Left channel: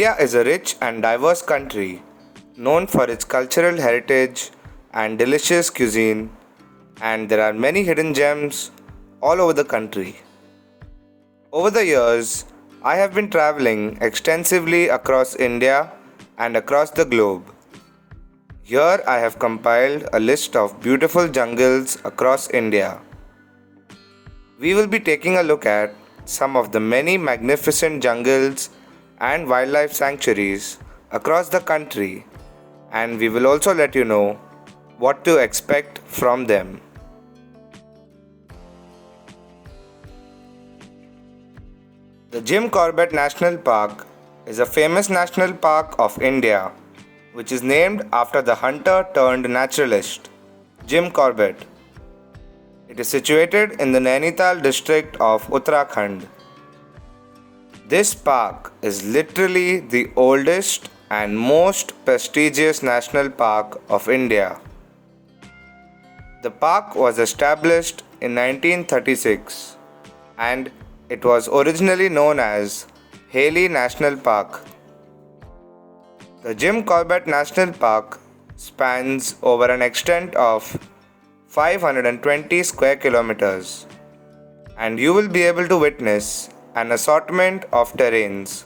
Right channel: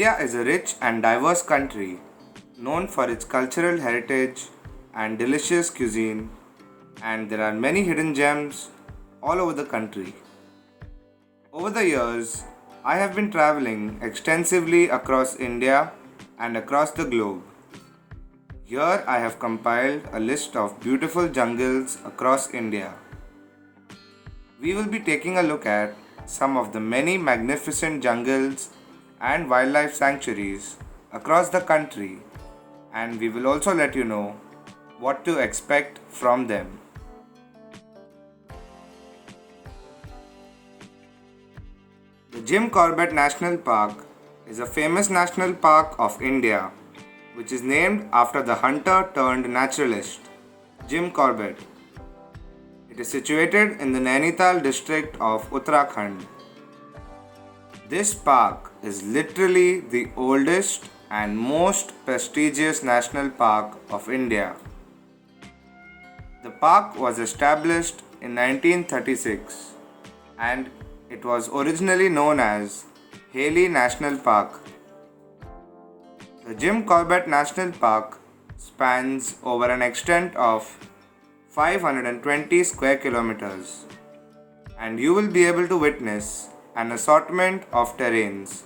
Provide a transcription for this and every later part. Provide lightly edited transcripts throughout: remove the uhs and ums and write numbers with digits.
India is a rich and diverse country known for its cultural heritage and delicious cuisine, and there are many hidden gems all over the country. Over the years, I have been traveling extensively across India and across the globe. Here I have compiled a list of beautiful jungles across India. We will be taking a look at some of the many magnificent jungles and wildlife sanctuaries across the country, and we will also let you know what to expect from them. The Jim Corbett National Park is a famous national park of India which is named after the hunter turned naturalist Jim Corbett. It is situated in the Nainital district of Uttarakhand. This park is literally the oldest and most prestigious national park of India. The park was established in 1936 and it was originally known as Haley National Park. The Jim Corbett National Park spans over an extent of 520 square kilometers, and you will be able to witness an assortment of terrains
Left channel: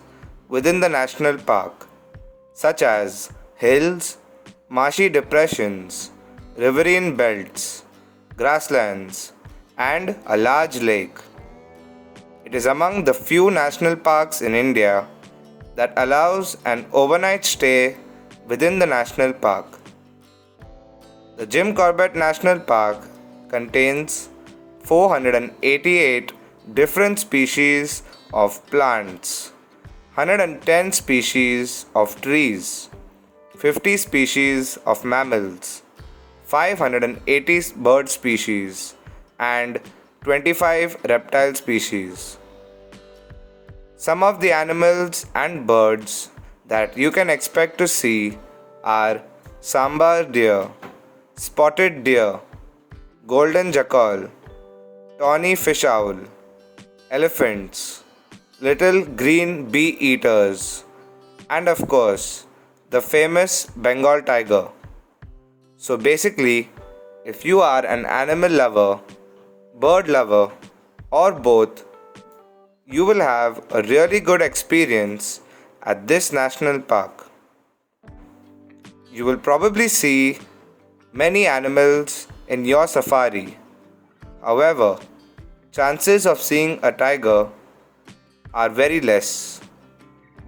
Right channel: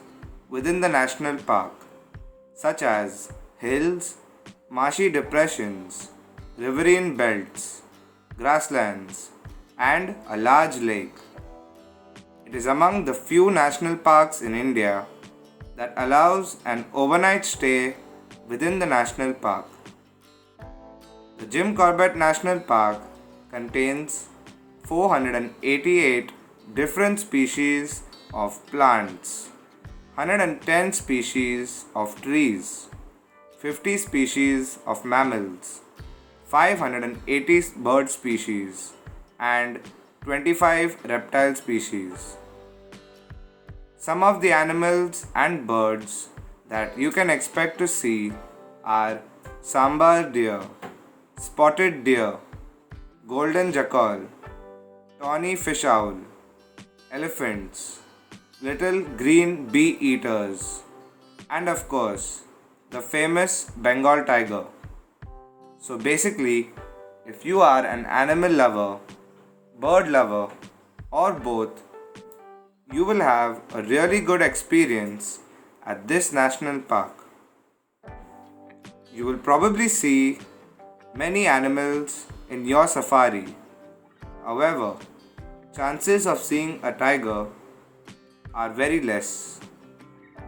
within the national park, such as hills, marshy depressions, riverine belts, grasslands, and a large lake. It is among the few national parks in India that allows an overnight stay within the national park. The Jim Corbett National Park contains 488 different species of plants, 110 species of trees, 50 species of mammals, 580 bird species, and 25 reptile species. Some of the animals and birds that you can expect to see are sambar deer, spotted deer, golden jackal, tawny fish owl, elephants, little green bee eaters, and of course, the famous Bengal tiger. So basically, if you are an animal lover, bird lover, or both, you will have a really good experience at this national park. You will probably see many animals in your safari. However, chances of seeing a tiger are very less,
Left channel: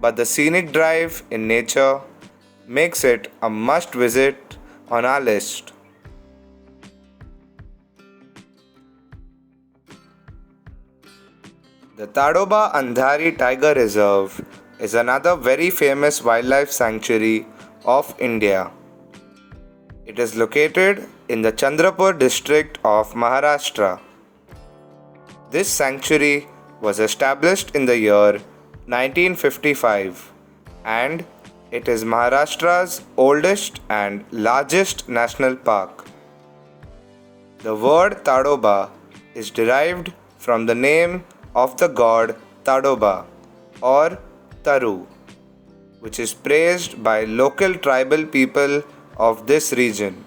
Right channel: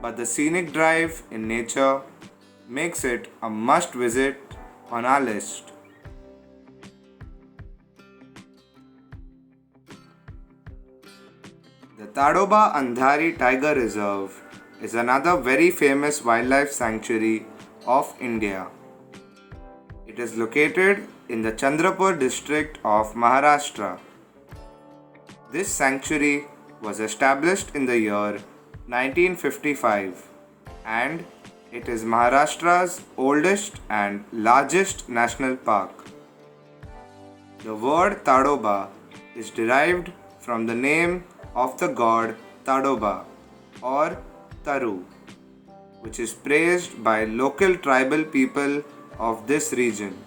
but the scenic drive in nature makes it a must visit on our list. The Tadoba Andhari Tiger Reserve is another very famous wildlife sanctuary of India. It is located in the Chandrapur district of Maharashtra. This sanctuary was established in the year 1955 and it is Maharashtra's oldest and largest national park. The word Tadoba is derived from the name of the god Tadoba or Taru, which is praised by local tribal people of this region.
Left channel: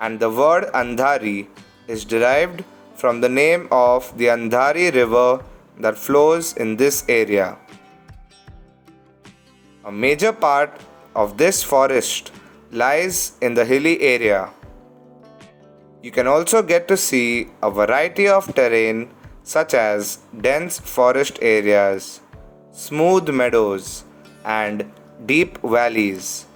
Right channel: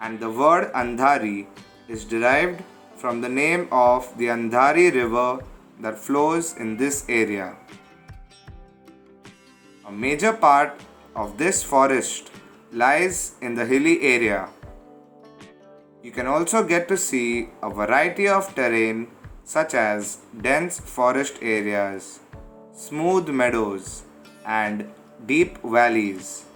And the word Andhari is derived from the name of the Andhari river that flows in this area. A major part of this forest lies in the hilly area. You can also get to see a variety of terrain such as dense forest areas, smooth meadows, and deep valleys.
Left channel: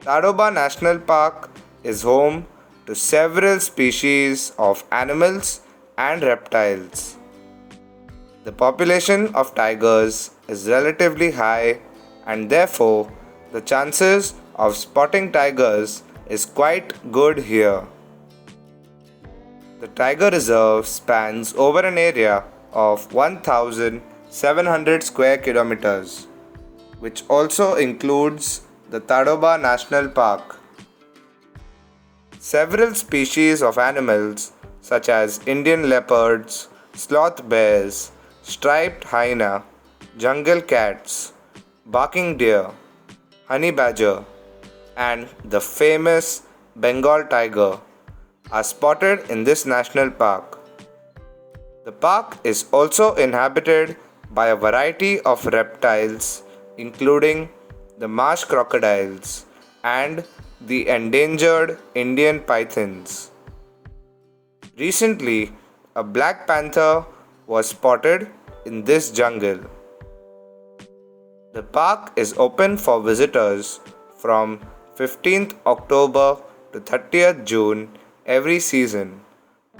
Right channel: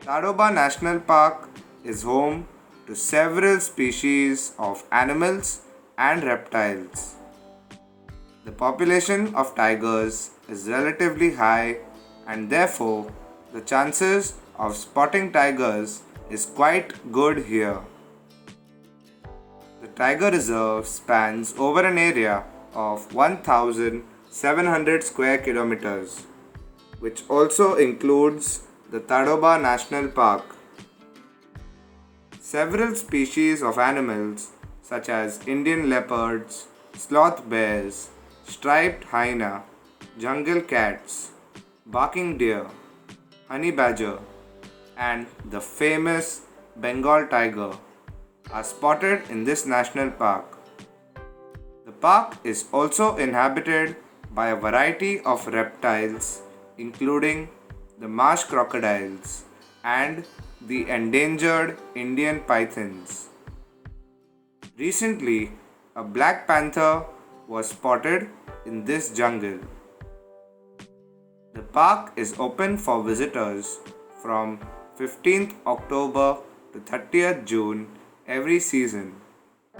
Tadoba National Park is home to several species of animals and reptiles. The population of tigers is relatively high and therefore the chances of spotting tigers is quite good here. The Tiger Reserve spans over an area of 1,700 square kilometers, which also includes the Tadoba National Park. Several species of animals such as Indian leopards, sloth bears, striped hyena, jungle cats, barking deer, honey badger, and the famous Bengal tiger are spotted in this national park. The park is also inhabited by a variety of reptiles, including the marsh crocodiles and the endangered Indian pythons. Recently, a black panther was spotted in this jungle. The park is open for visitors from 15th October to 30th June every season,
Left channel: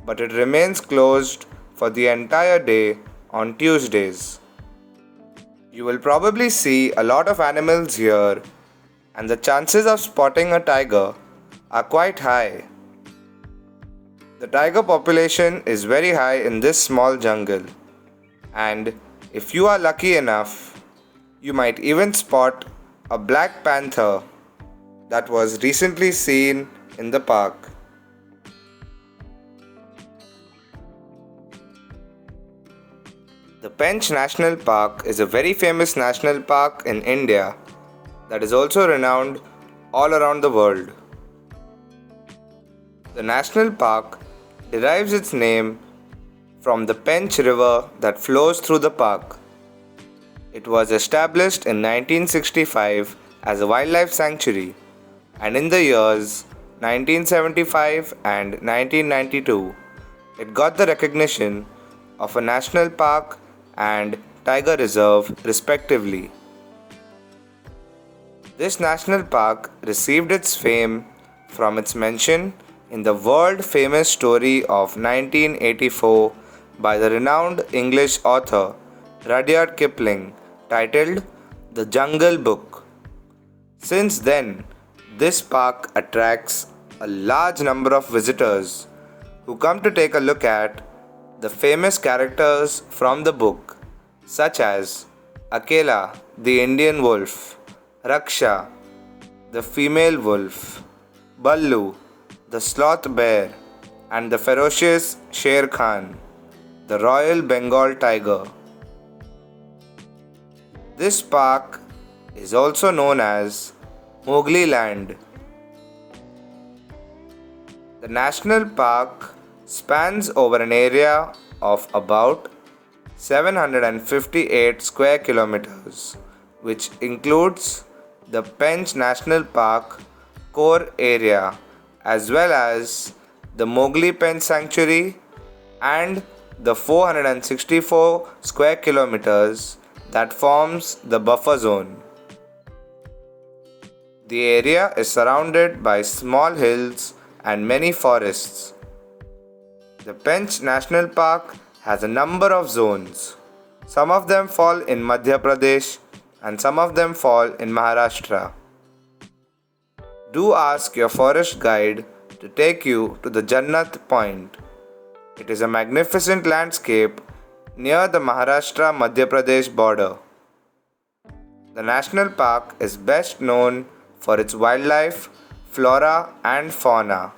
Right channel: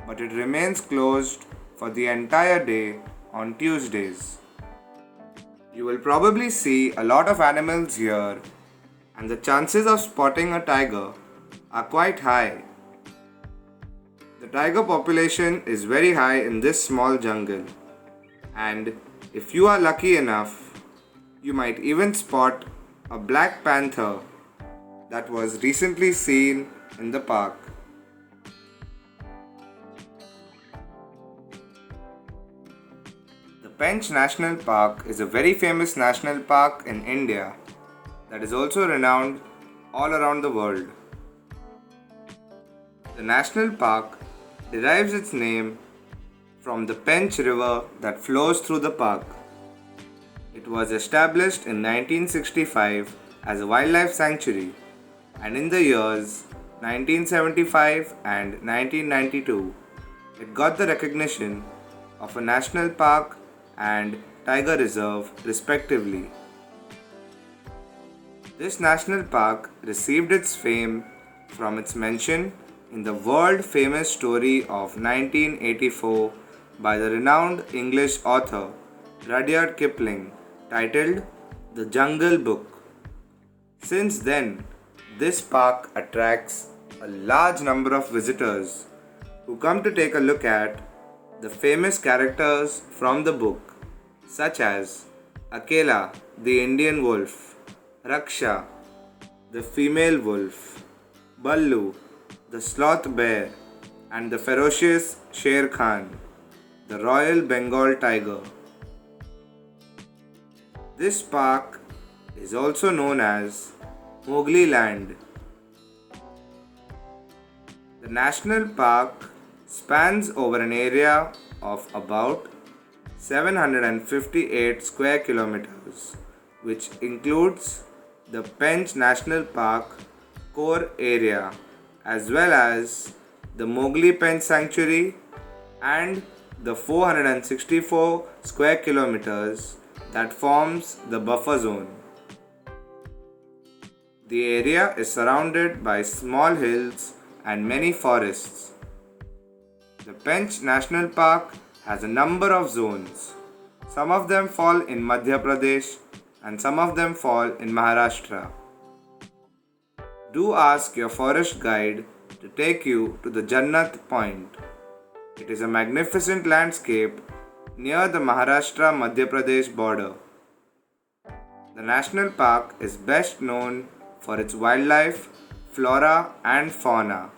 but it remains closed for the entire day on Tuesdays. You will probably see a lot of animals here, and the chances of spotting a tiger are quite high. The tiger population is very high in this small jungle, and if you are lucky enough, you might even spot a black panther that was recently seen in the park. The Pench National Park is a very famous national park in India that is also renowned all around the world. The national park derives its name from the Pench River that flows through the park. It was established in 1965 as a wildlife sanctuary, and in the years 1975 and 1992, it got the recognition of a national park and tiger reserve respectively. This national park received its fame from its mention in the world famous story of 1984 by the renowned English author Rudyard Kipling titled The Jungle Book. Since then, this park attracts a large number of visitors who come to take a look at the famous characters from the book, such as Akela, the Indian wolf, Raksha, the female wolf, Ballu, the sloth bear, and the ferocious Sher Khan, the Royal Bengal tiger. This park is also known as Mowgli Land. The national park spans over an area of about 758 square kilometers, which includes the Pench National Park core area as well as the Mowgli Pench Sanctuary and the 464 square kilometers that forms the buffer zone. The area is surrounded by small hills and many forests. The Pench National Park has a number of zones. Some of them fall in Madhya Pradesh and some of them fall in Maharashtra. Do ask your forest guide to take you to the Jannat Point. It is a magnificent landscape near the Maharashtra-Madhya Pradesh border. The national park is best known for its wildlife, flora and fauna.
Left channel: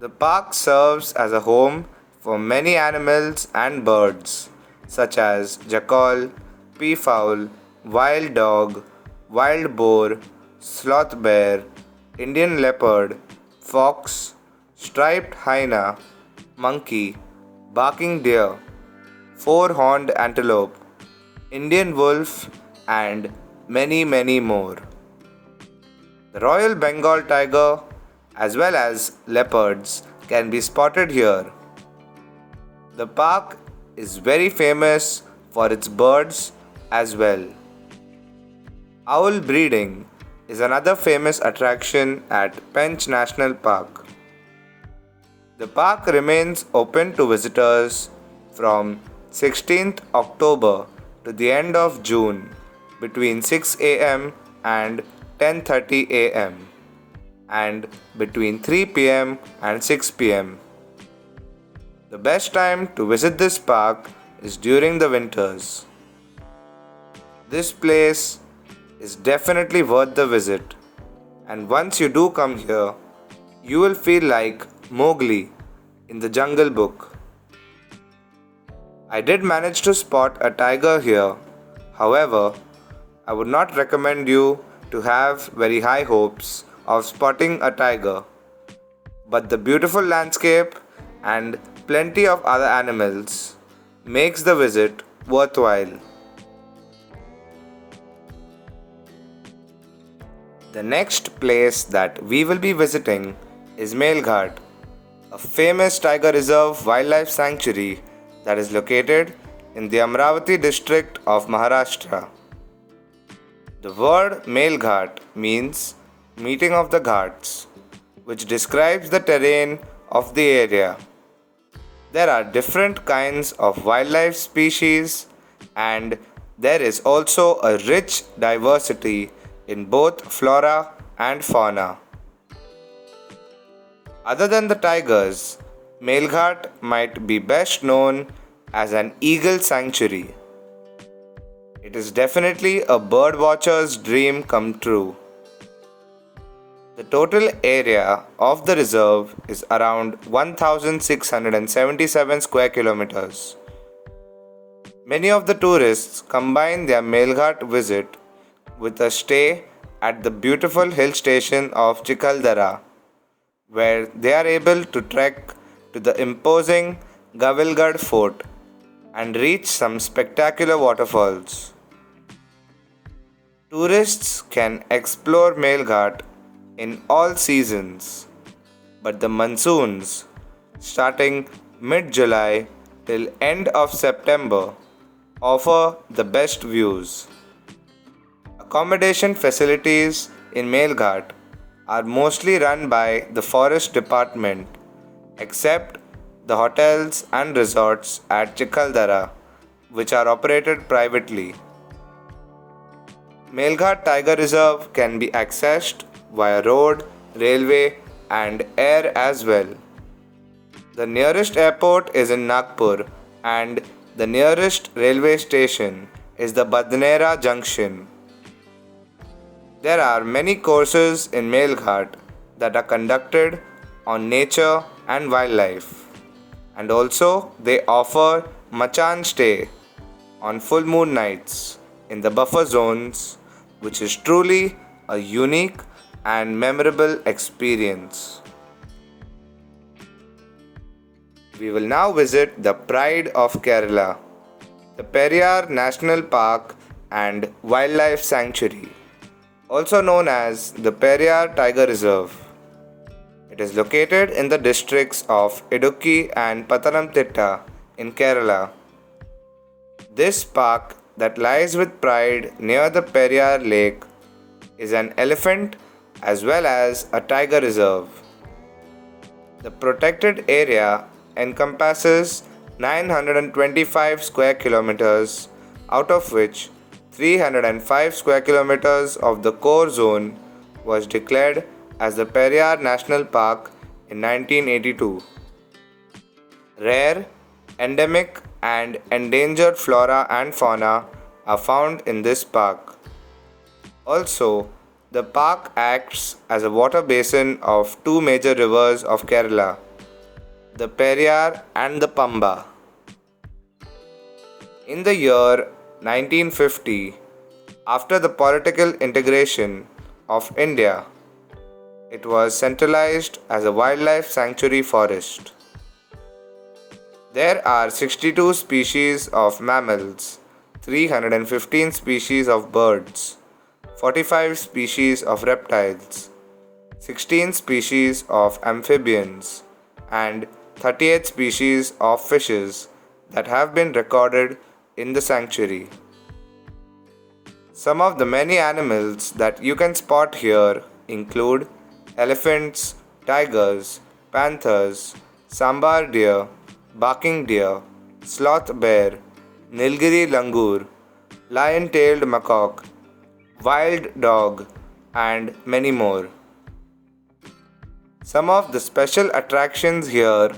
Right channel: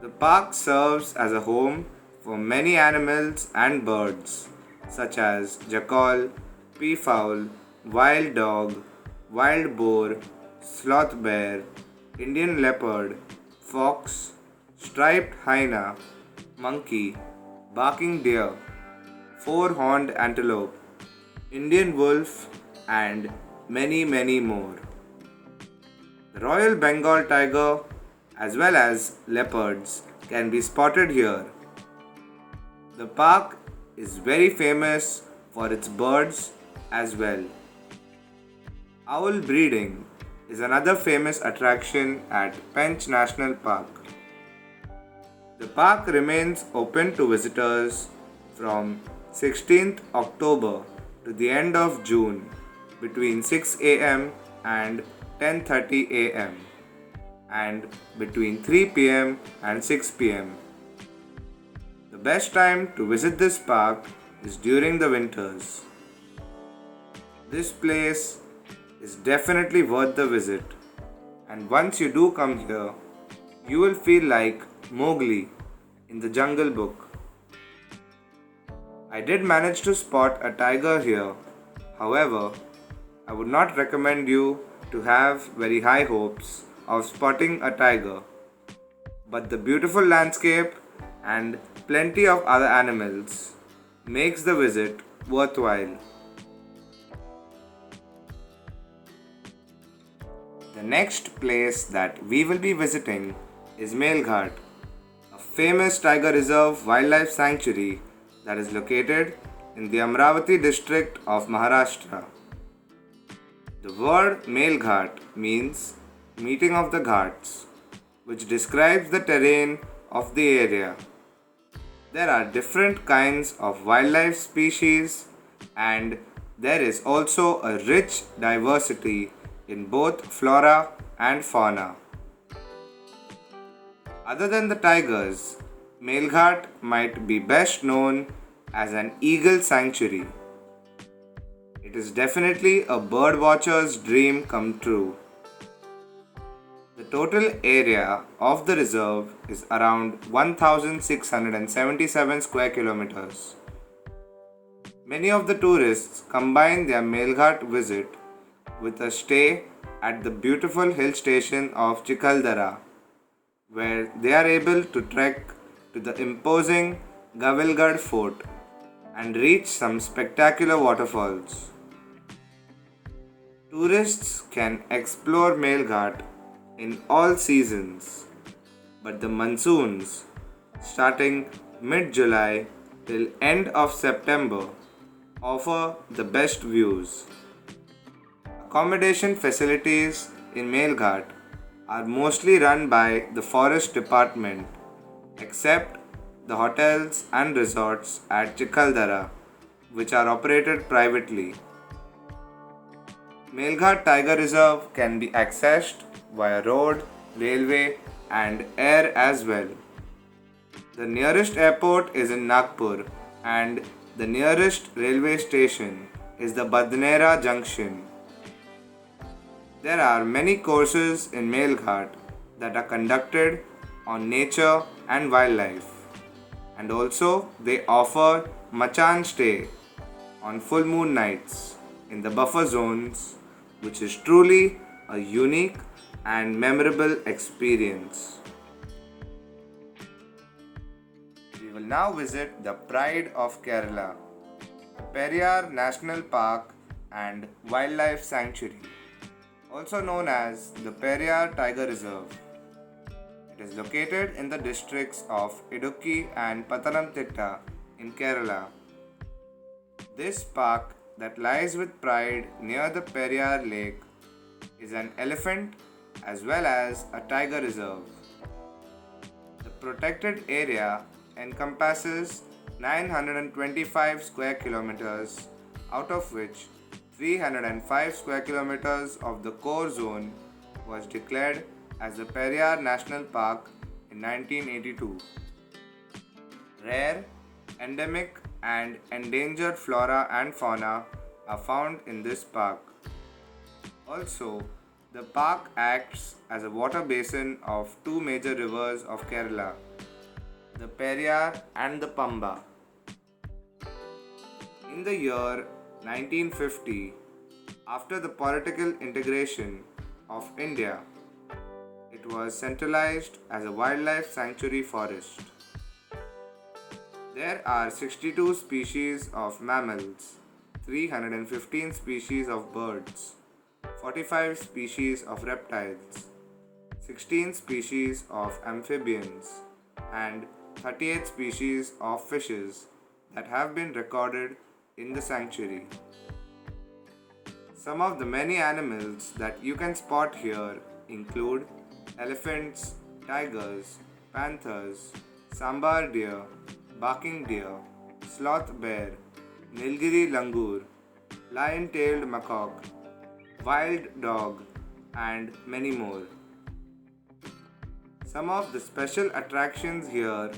The park serves as a home for many animals and birds such as jackal, peafowl, wild dog, wild boar, sloth bear, Indian leopard, fox, striped hyena, monkey, barking deer, four-horned antelope, Indian wolf, and many more. The Royal Bengal tiger as well as leopards can be spotted here. The park is very famous for its birds as well. Owl breeding is another famous attraction at Pench National Park. The park remains open to visitors from 16th October to the end of June between 6 am and 10:30 am and between 3 pm and 6 pm. The best time to visit this park is during the winters. This place is definitely worth the visit, and once you do come here, you will feel like Mowgli in the Jungle Book. I did manage to spot a tiger here. However, I would not recommend you to have very high hopes of spotting a tiger, but the beautiful landscape and plenty of other animals makes the visit worthwhile. The next place that we will be visiting is Melghat, a famous tiger reserve wildlife sanctuary that is located in the Amravati district of Maharashtra. The word Melghat means meeting of the ghats, which describes the terrain of the area. There are different kinds of wildlife species, and there is also a rich diversity in both flora and fauna. Other than the tigers, Melghat might be best known as an eagle sanctuary. It is definitely a bird watcher's dream come true. The total area of the reserve is around 1677 square kilometers. Many of the tourists combine their Melghat visit with a stay at the beautiful hill station of Chikaldara, where they are able to trek to the imposing Gavilgad fort and reach some spectacular waterfalls. Tourists can explore Melghat in all seasons, but the monsoons, starting mid-July till end of September, offer the best views. Accommodation facilities in Melghat are mostly run by the forest department, except the hotels and resorts at Chikaldara, which are operated privately. Melghat Tiger Reserve can be accessed via road, railway, and air as well. The nearest airport is in Nagpur, and the nearest railway station is the Badnera Junction. There are many courses in Melghat that are conducted on nature and wildlife, and also they offer Machan stay on full moon nights in the buffer zones, which is truly a unique and memorable experience. We will now visit the pride of Kerala, the Periyar National Park and Wildlife Sanctuary, also known as the Periyar Tiger Reserve. It is located in the districts of Idukki and Pathanamthitta in Kerala. This park that lies with pride near the Periyar Lake is an elephant as well as a tiger reserve. The protected area encompasses 925 square kilometers, out of which 305 square kilometers of the core zone was declared as the Periyar National Park in 1982. Rare, endemic, and endangered flora and fauna are found in this park. Also, the park acts as a water basin of two major rivers of Kerala, the Periyar and the Pamba. In the year 1950, after the political integration of India, it was centralized as a wildlife sanctuary forest. There are 62 species of mammals, 315 species of birds, 45 species of reptiles, 16 species of amphibians, and 38 species of fishes that have been recorded in the sanctuary. Some of the many animals that you can spot here include elephants, tigers, panthers, sambar deer, barking deer, sloth bear, Nilgiri langur, lion-tailed macaque, wild dog, and many more. Some of the special attractions here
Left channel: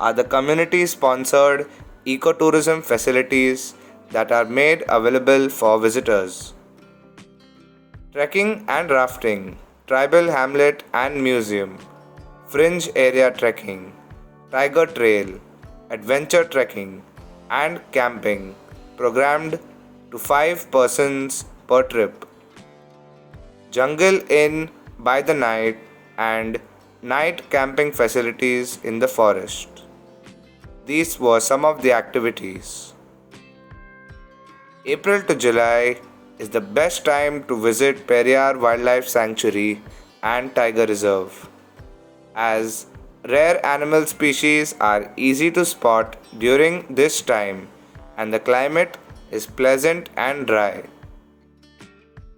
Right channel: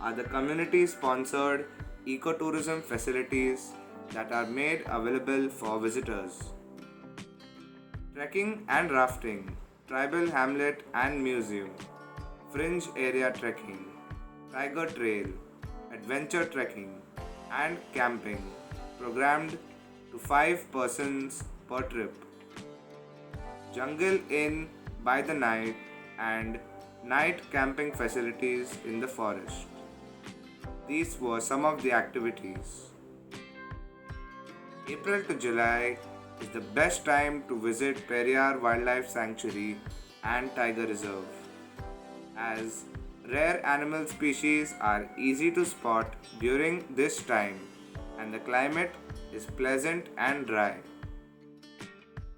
are the community-sponsored ecotourism facilities that are made available for visitors. Trekking and rafting, tribal hamlet and museum, fringe area trekking, tiger trail, adventure trekking, and camping programmed to 5 persons per trip, jungle inn by the night, and night camping facilities in the forest. These were some of the activities. April to July is the best time to visit Periyar Wildlife Sanctuary and Tiger Reserve, as rare animal species are easy to spot during this time and the climate is pleasant and dry.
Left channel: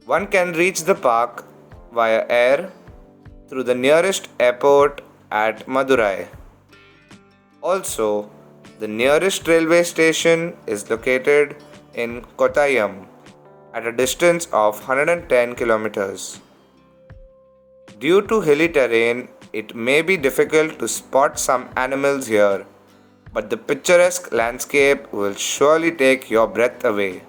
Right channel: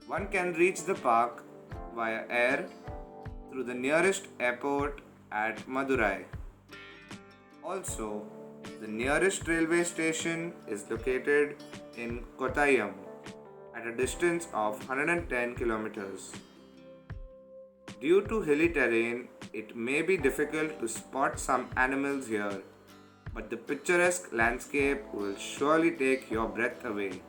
One can reach the park via air through the nearest airport at Madurai. Also, the nearest railway station is located in Kottayam at a distance of 110 kilometers. Due to hilly terrain, it may be difficult to spot some animals here, but the picturesque landscape will surely take your breath away.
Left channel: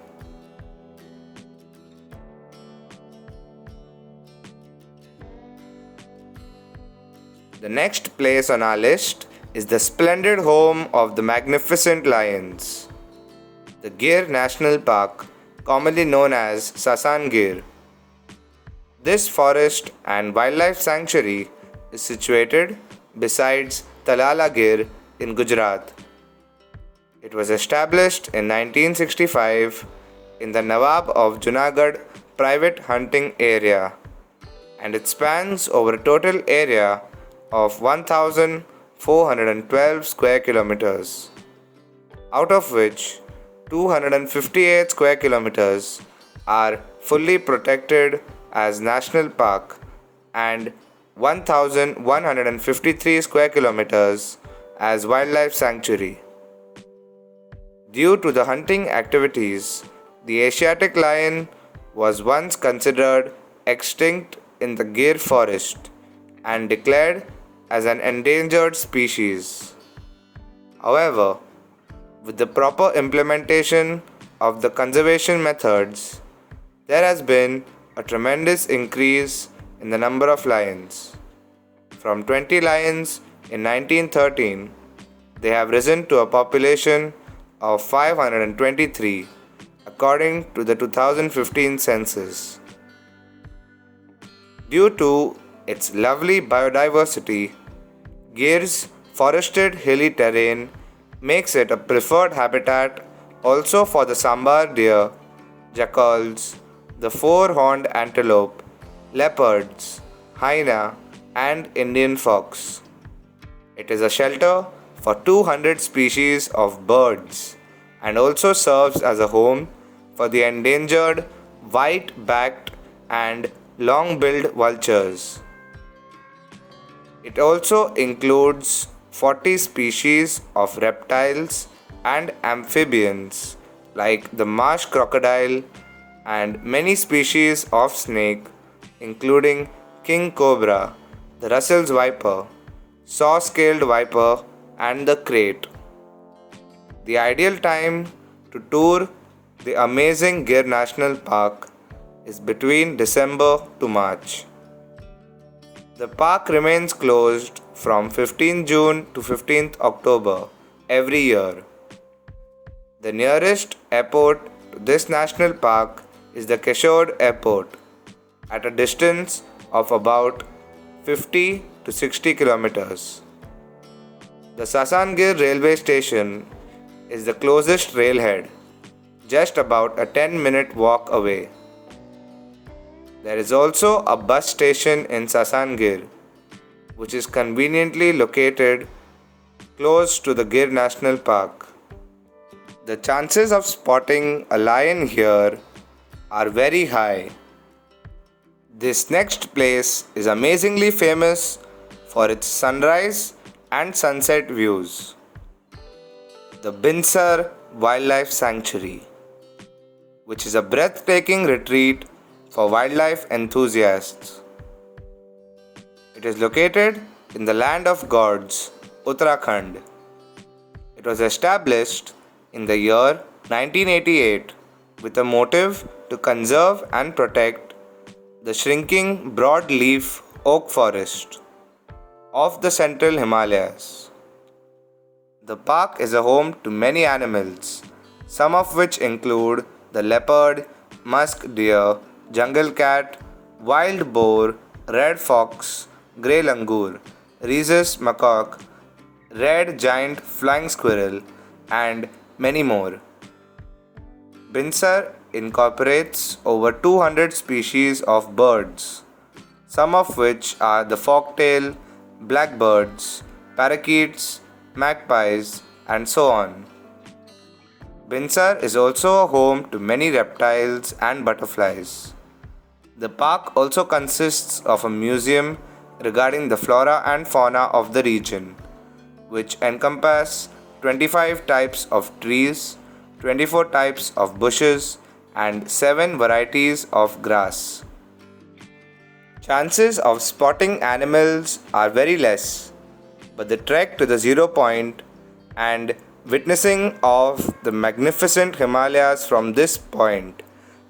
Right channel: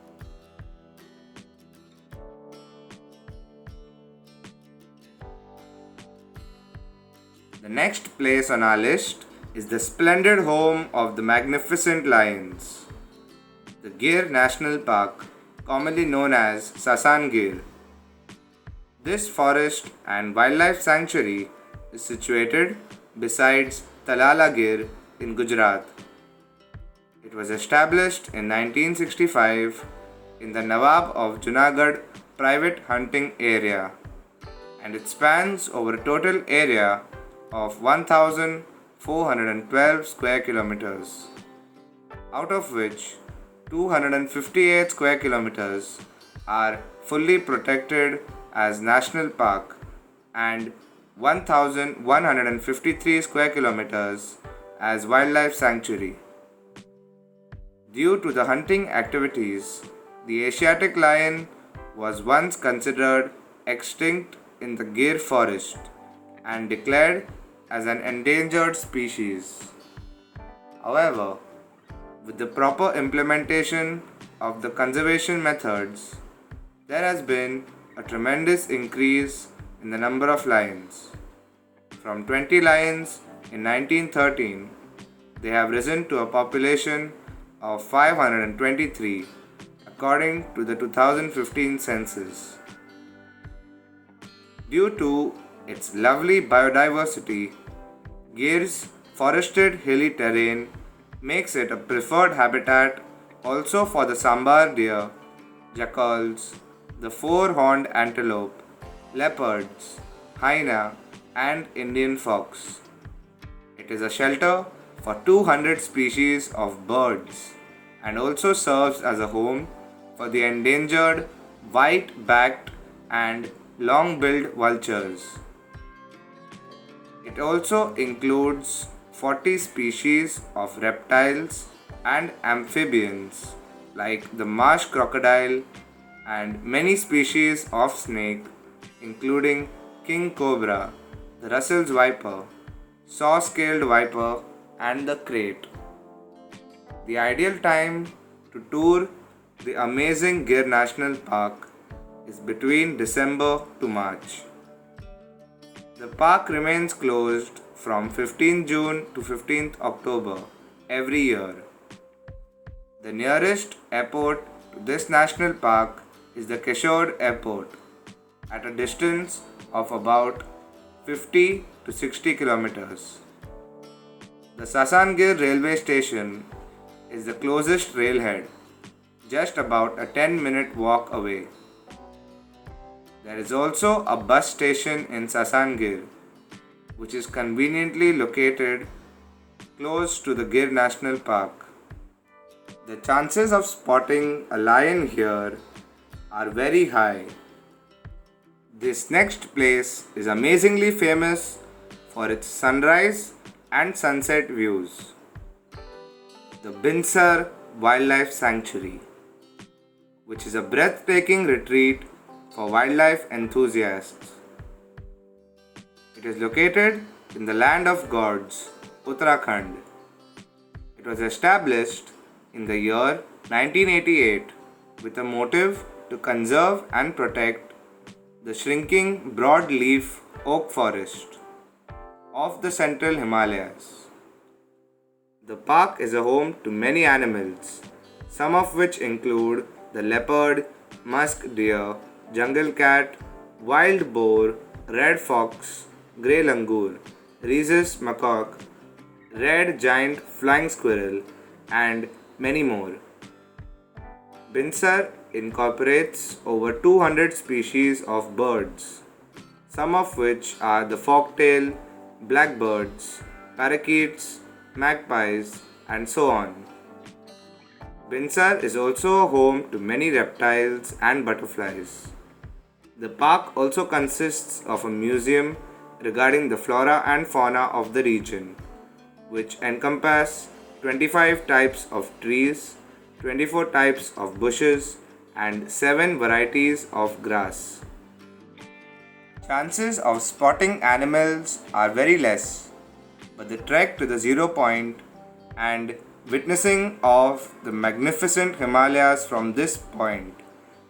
The next place on our list is the splendid home of the magnificent lions, the Gir National Park, commonly known as Sasan Gir. This forest and wildlife sanctuary is situated besides Talala Gir in Gujarat. It was established in 1965 in the Nawab of Junagadh private hunting area, and it spans over a total area of 1,412 square kilometers, out of which 258 square kilometers are fully protected as national park and 1,153 square kilometers as wildlife sanctuary. Due to the hunting activities, the Asiatic lion was once considered extinct in the Gir forest and declared as an endangered species. However, with the proper implementation of the conservation methods, there has been a tremendous increase in the number of lions. From 20 lions in 1913, they have risen to a population of 523 according to the 2015 census. Due to its lovely biodiversity, Gir's forested hilly terrain makes it a preferred habitat also for the sambar deer, jackals, the four-horned antelope, leopards, hyena, and Indian fox. It is a shelter for 200 species of birds and also serves as a home for the endangered white-backed and long-billed vultures. It also includes 40 species of reptiles and amphibians like the marsh crocodile and many species of snake including king cobra, the Russell's viper, saw-scaled viper and the krait. The ideal time to tour the amazing Gir National Park is between December to March. The park remains closed from 15 June to 15th October every year. The nearest airport to this national park is the Keshod Airport at a distance of about 50 to 60 kilometers. The Sasan Gir railway station is the closest railhead, just about a 10-minute walk away. There is also a bus station in Sasan Gir, which is conveniently located close to the Gir National Park. The chances of spotting a lion here are very high. This next place is amazingly famous for its sunrise and sunset views. The Binsar Wildlife Sanctuary, which is a breathtaking retreat for wildlife enthusiasts. It is located in the land of gods, Uttarakhand. It was established in the year 1988 with a motive to conserve and protect the shrinking broadleaf oak forest of the central Himalayas. The park is a home to many animals, some of which include the leopard, musk deer, jungle cat, wild boar, red fox, grey langur, rhesus macaque, red giant flying squirrel, and many more. Binsar incorporates over 200 species of birds, some of which are the forktail, blackbirds, parakeets, magpies, and so on. Binsar is also home to many reptiles and butterflies. The park also consists of a museum regarding the flora and fauna of the region, which encompass 25 types of trees, 24 types of bushes, and 7 varieties of grass. Chances of spotting animals are very less, but the trek to the zero point and witnessing of the magnificent Himalayas from this point,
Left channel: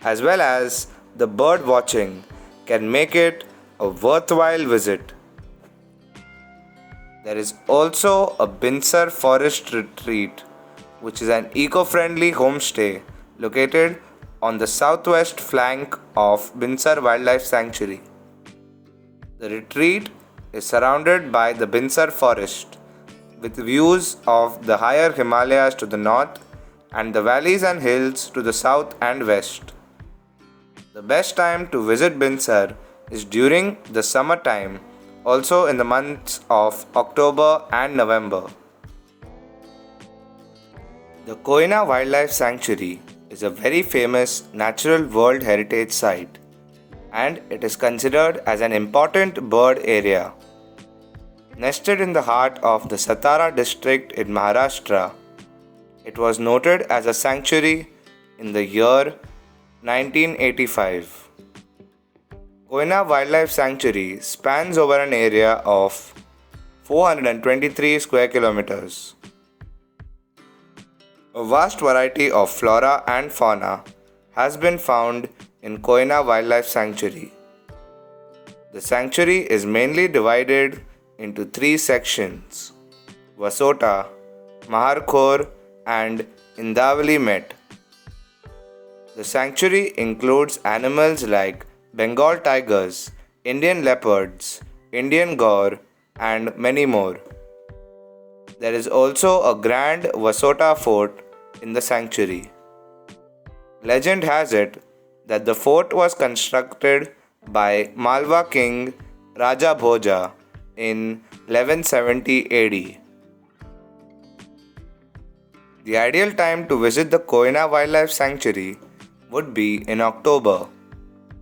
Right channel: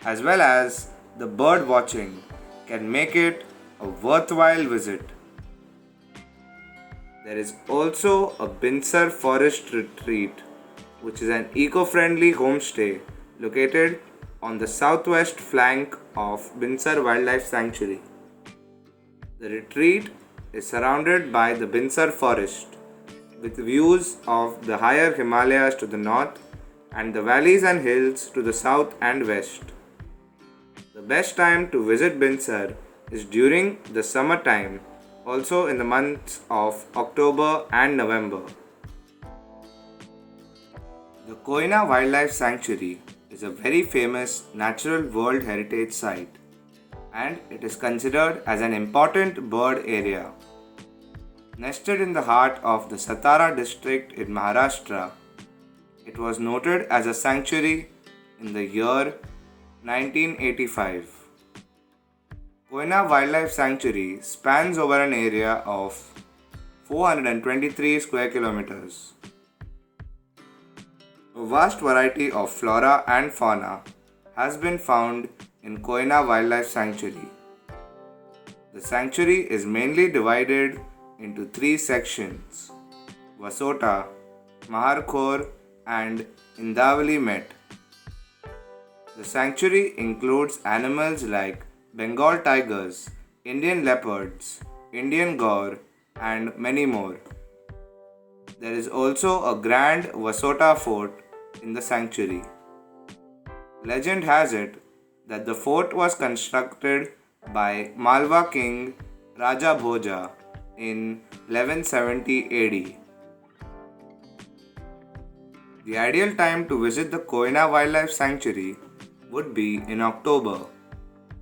as well as the bird watching, can make it a worthwhile visit. There is also a Binsar Forest Retreat, which is an eco-friendly homestay located on the southwest flank of Binsar Wildlife Sanctuary. The retreat is surrounded by the Binsar forest, with views of the higher Himalayas to the north and the valleys and hills to the south and west. The best time to visit Binsar is during the summertime, also in the months of October and November. The Koina Wildlife Sanctuary is a very famous natural World Heritage Site, and it is considered as an important bird area. Nested in the heart of the Satara district in Maharashtra, it was noted as a sanctuary in the year 1985. Koina Wildlife Sanctuary spans over an area of 423 square kilometers. A vast variety of flora and fauna has been found in Koina Wildlife Sanctuary. The sanctuary is mainly divided into 3 sections: Vasota, Maharkhor, and Indavali Met. The sanctuary includes animals like Bengal tigers, Indian leopards, Indian gaur, and many more. There is also a grand Vasota fort in the sanctuary. Legend has it that the fort was constructed by Malwa king Raja Bhoja in 1170 AD. The ideal time to visit the Koina Wildlife Sanctuary would be in October,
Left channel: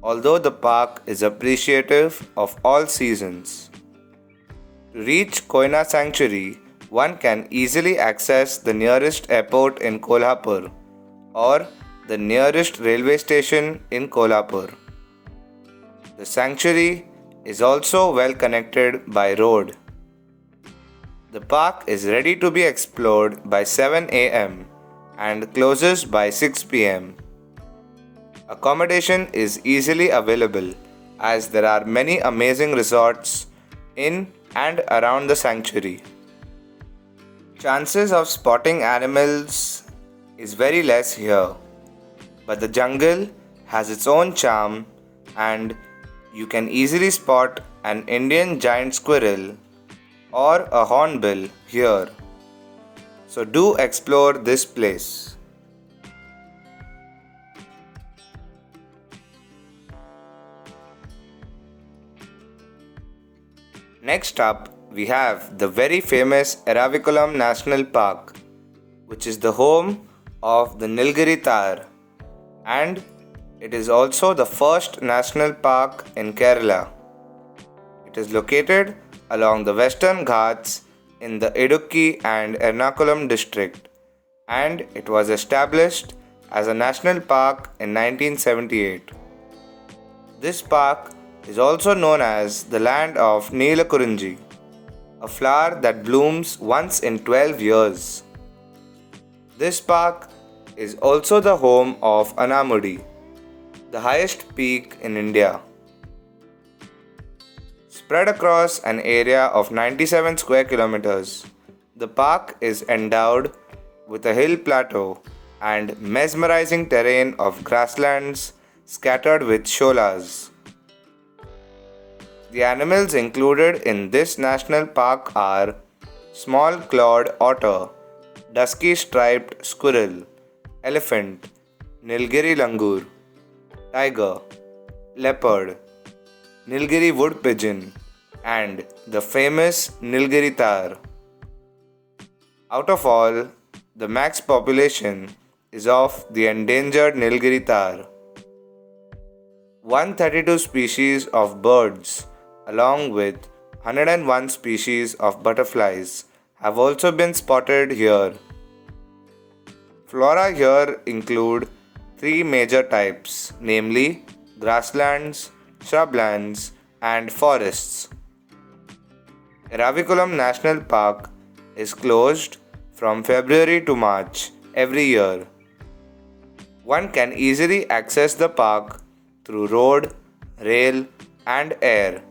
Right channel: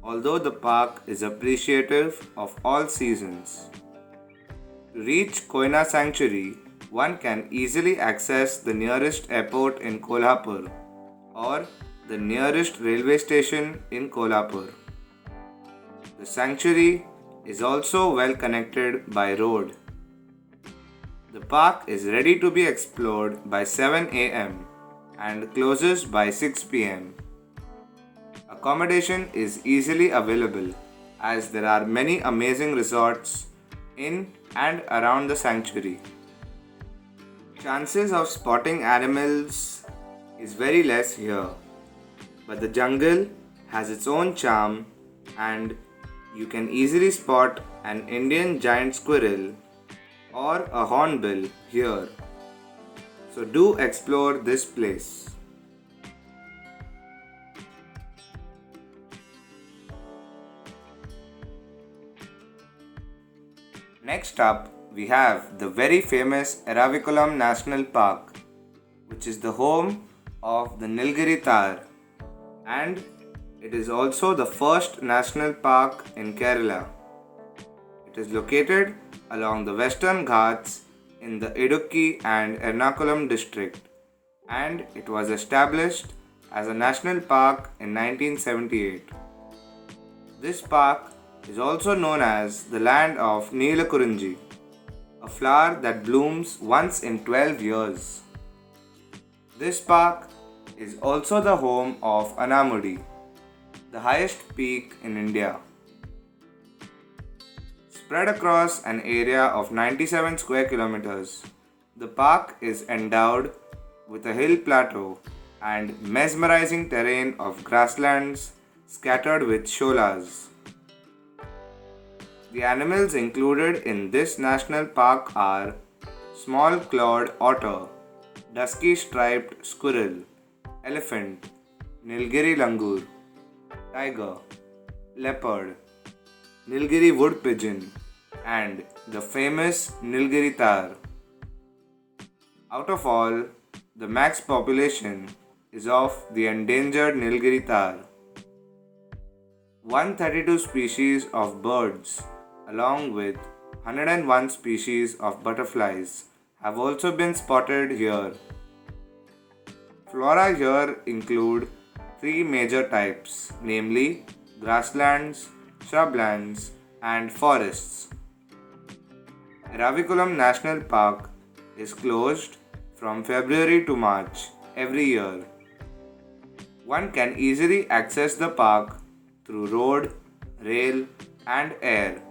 although the park is appreciative of all seasons. To reach Koina Sanctuary, one can easily access the nearest airport in Kolhapur or the nearest railway station in Kolhapur. The sanctuary is also well connected by road. The park is ready to be explored by 7 am and closes by 6 pm. Accommodation is easily available as there are many amazing resorts in and around the sanctuary. Chances of spotting animals is very less here, but the jungle has its own charm and you can easily spot an Indian giant squirrel or a hornbill here. So do explore this place. Next up, we have the very famous Eraviculam National Park, which is the home of the Nilgiri Tar, and it is also the first national park in Kerala. It is located along the Western Ghats in the Idukki and Ernakulam district, and it was established as a national park in 1978. This park is also known as the land of Neelakurunji, a flower that blooms once in 12 years. This park is also the home of Anamudi, the highest peak in India. Spread across an area of 97 square kilometers, the park is endowed with a hill plateau and mesmerizing terrain of grasslands scattered with sholas. The animals included in this national park are small clawed otter, dusky striped squirrel, elephant, Nilgiri langur, tiger, leopard, Nilgiri wood pigeon, and the famous Nilgiri tar. Out of all, the max population is of the endangered Nilgiri tar. 132 species of birds, along with 101 species of butterflies, have also been spotted here. Flora here include three major types, namely grasslands, shrublands, and forests. Erravikulam National Park is closed from February to March every year. One can easily access the park through road, rail, and air.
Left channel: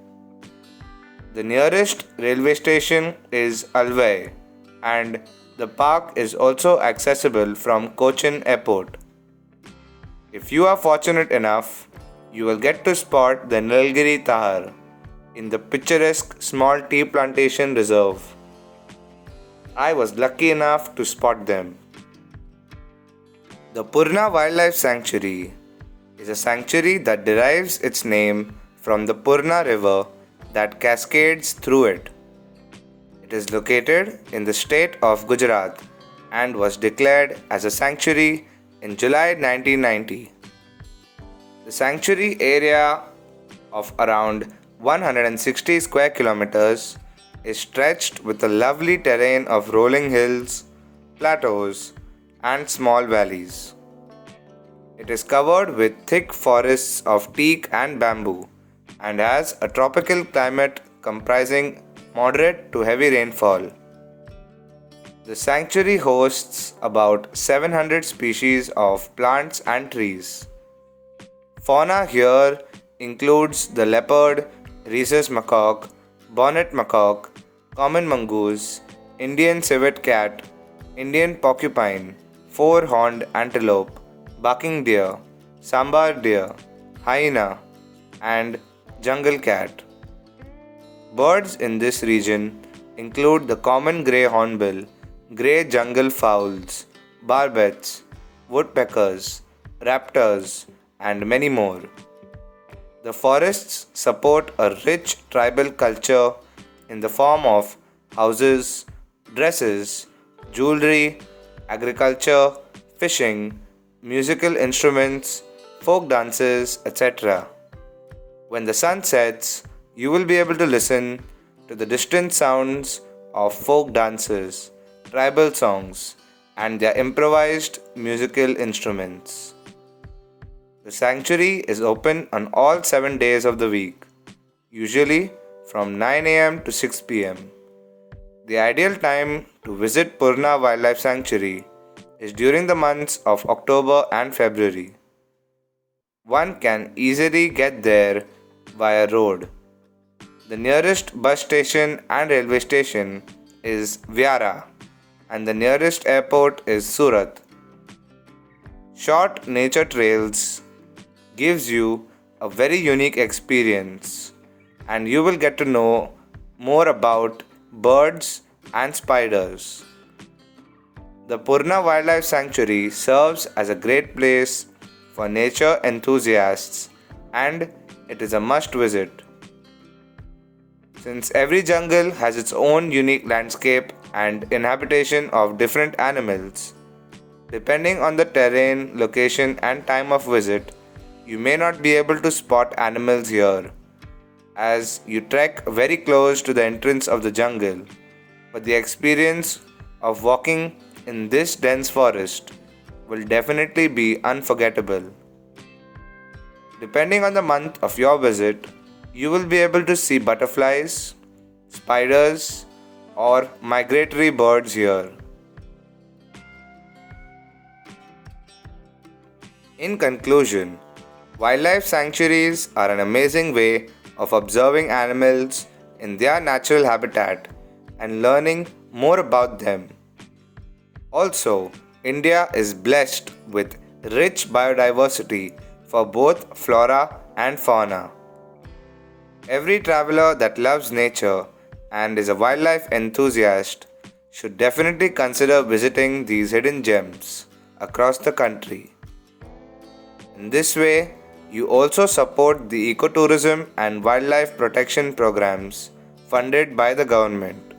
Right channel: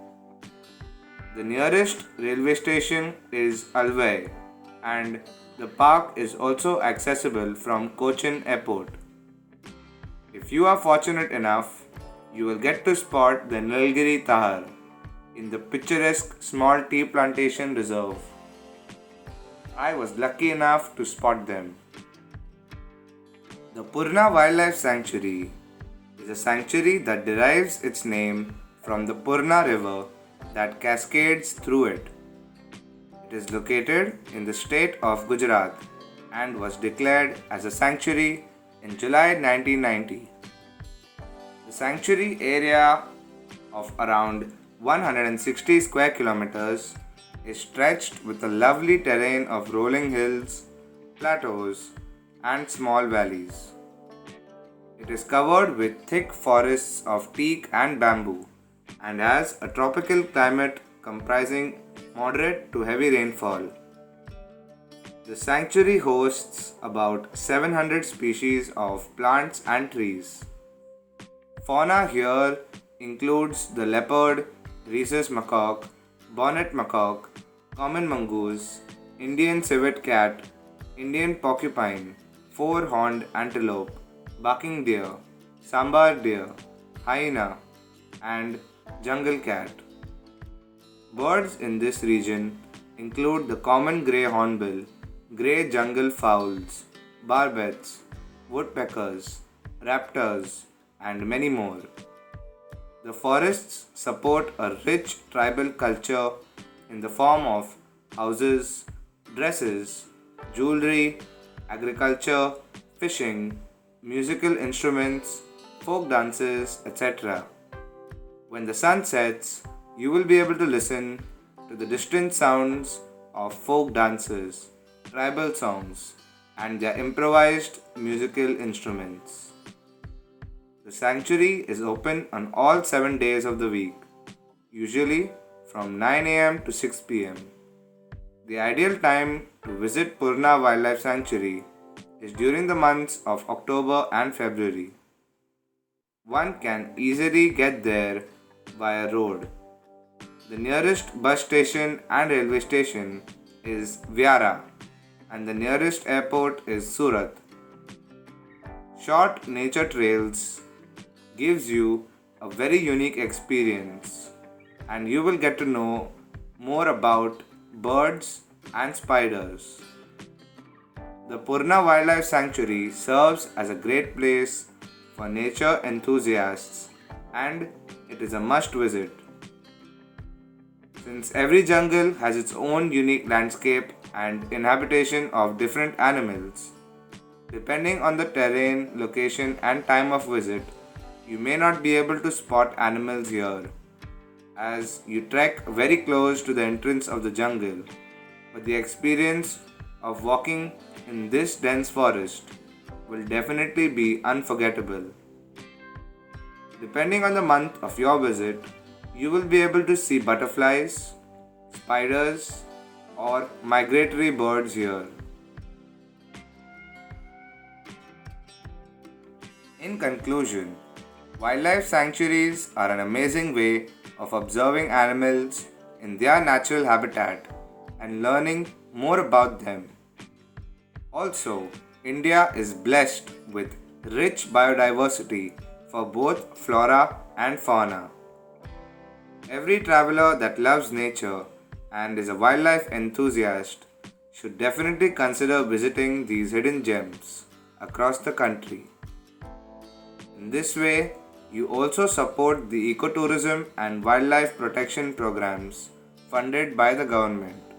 The nearest railway station is Alvai, and the park is also accessible from Cochin Airport. If you are fortunate enough, you will get to spot the Nilgiri Tahar in the picturesque small tea plantation reserve. I was lucky enough to spot them. The Purna Wildlife Sanctuary is a sanctuary that derives its name from the Purna River that cascades through it. It is located in the state of Gujarat and was declared as a sanctuary in July 1990. The sanctuary area of around 160 square kilometers is stretched with a lovely terrain of rolling hills, plateaus, and small valleys. It is covered with thick forests of teak and bamboo and has a tropical climate comprising moderate to heavy rainfall. The sanctuary hosts about 700 species of plants and trees. Fauna here includes the leopard, rhesus macaque, bonnet macaque, common mongoose, Indian civet cat, Indian porcupine, four-horned antelope, barking deer, sambar deer, hyena, and jungle cat. Birds in this region include the common grey hornbill, grey jungle fowls, barbets, woodpeckers, raptors, and many more. The forests support a rich tribal culture in the form of houses, dresses, jewelry, agriculture, fishing, musical instruments, folk dances, etc. When the sun sets, you will be able to listen to the distant sounds of folk dances, tribal songs, and their improvised musical instruments. The sanctuary is open on all 7 days of the week, usually from 9 am to 6 pm. The ideal time to visit Purna Wildlife Sanctuary is during the months of October and February. One can easily get there via road. The nearest bus station and railway station is Vyara, and the nearest airport is Surat. Short nature trails gives you a very unique experience, and you will get to know more about birds and spiders. The Purna Wildlife Sanctuary serves as a great place for nature enthusiasts, and it is a must visit. Since every jungle has its own unique landscape and inhabitation of different animals, depending on the terrain, location, and time of visit, you may not be able to spot animals here, as you trek very close to the entrance of the jungle, but the experience of walking in this dense forest will definitely be unforgettable. Depending on the month of your visit, you will be able to see butterflies, spiders, or migratory birds here. In conclusion, wildlife sanctuaries are an amazing way of observing animals in their natural habitat and learning more about them. Also, India is blessed with rich biodiversity for both flora and fauna. Every traveler that loves nature and is a wildlife enthusiast should definitely consider visiting these hidden gems across the country. In this way, you also support the ecotourism and wildlife protection programs funded by the government.